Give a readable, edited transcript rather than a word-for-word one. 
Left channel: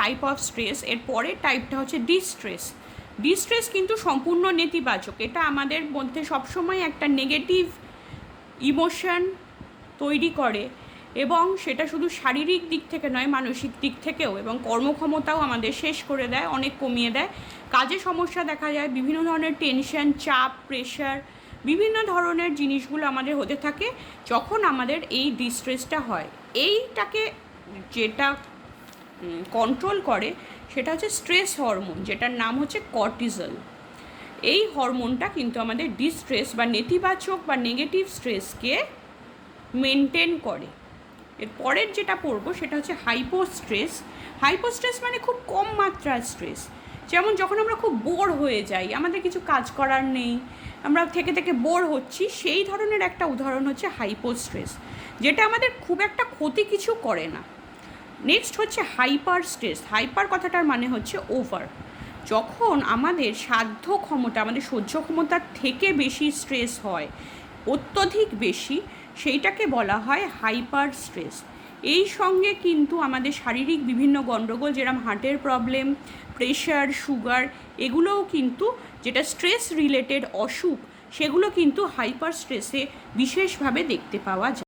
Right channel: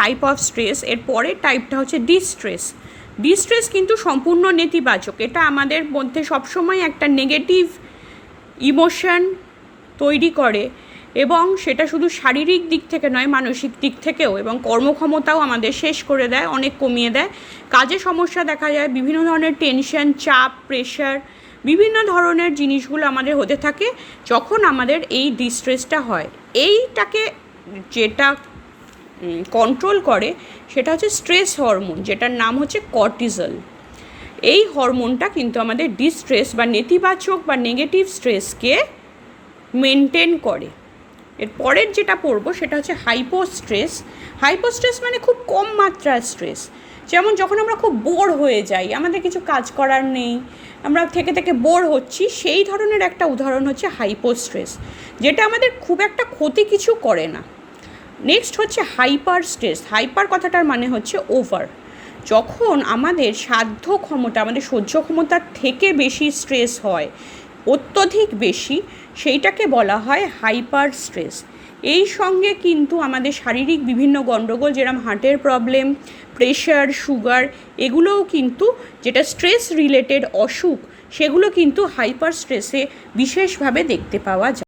Type of stress. এর পরের টাইপটা হচ্ছে ডিস্ট্রেস। ডিস্ট্রেস কিন্তু সম্পূর্ণ নেতিবাচক। এটা আমাদের মধ্যে সবসময় একটা নেগেটিভ ইমোশন তৈরি করে, এবং সেটা শুধু শারীরিক দিক থেকে নয়, মানসিক দিক থেকেও, এবং কর্মক্ষমতাও আমাদের শেষ করে দেয়, অনেক কমিয়ে দেয়। কাজে সমস্যা দেখা যায়, বিভিন্ন ধরনের টেনশন, চাপ, প্রেশার, বিভিন্ন ধরনের জিনিসগুলো আমাদের হতে থাকে যখন আমাদের এই ডিস্ট্রেসটা হয়। এইটাকে যেটা কন্ট্রোল করে সেটা হচ্ছে স্ট্রেস হরমোন, যেটার নাম হচ্ছে কর্টিসল। এই হরমোনটা কিন্তু আমাদের ডিস্ট্রেস বা নেতিবাচক বা নেগেটিভ স্ট্রেসকে মেনটেন করে। এর পরের যেটা পড়বো সেটা হচ্ছে হাইপোস্ট্রেস। হাইপোস্ট্রেস মানে খুব কম মাত্রার স্ট্রেস। যেমন যখন আমরা খুব বোর হয়ে যাই, আমাদের কিছু কাজ করার নেই, আমরা থেকে থেকে বোর হচ্ছি, সেই ধরনের একটা উদাহরণ হচ্ছে হাইপোস্ট্রেস, যেটা আমাদের খুব একটা ক্ষতি কিছু করে না। নেক্সট হচ্ছে হাইপার স্ট্রেস। হাইপার কথাটার মানে হচ্ছে ওভার। যখন আমাদের সাধ্য ক্ষমতা, আমাদের সহ্য ক্ষমতার থেকে বেশি স্ট্রেস হয়, অত্যধিক বেশি, সেইটাকে বলা হয় হাইপার স্ট্রেস। এই সঙ্গে কিন্তু আমাদের শারীরিক বিভিন্ন গণ্ডগোল, যেরকম হার্টের প্রবলেম, প্রেশার, সুগার, এগুলোও কিন্তু, যেটা স্ট্রেস রিলেটেড অসুখ, সেগুলো কিন্তু হাইপার স্ট্রেসে বিশেষভাবে দেখতে পাওয়া যায়।